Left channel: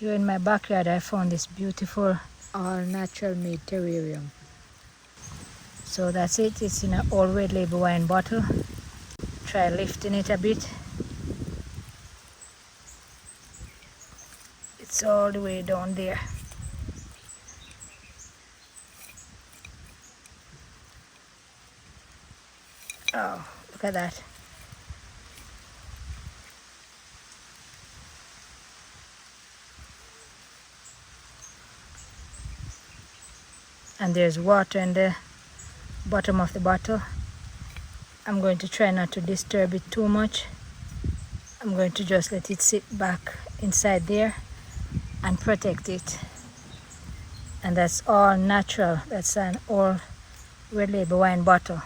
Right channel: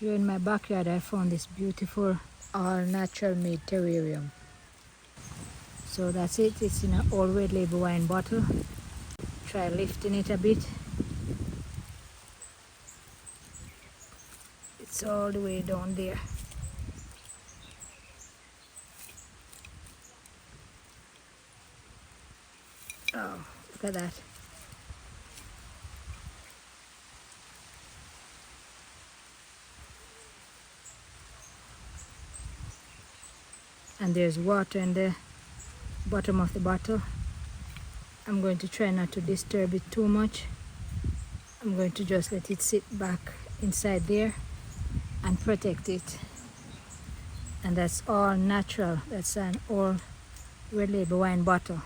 Here in my backyard I found this beautiful all natural made terrarium. So that's it. It's in an old red label wine bottle. Try lifting it a bit. It's all the way down there. Oh, look at that. And there's water in the bottom of the bottle. I'm going to try not to disturb it too much. I'm going to just let it sit back inside there and protect it. And that's all natural. That's an all red label wine bottle.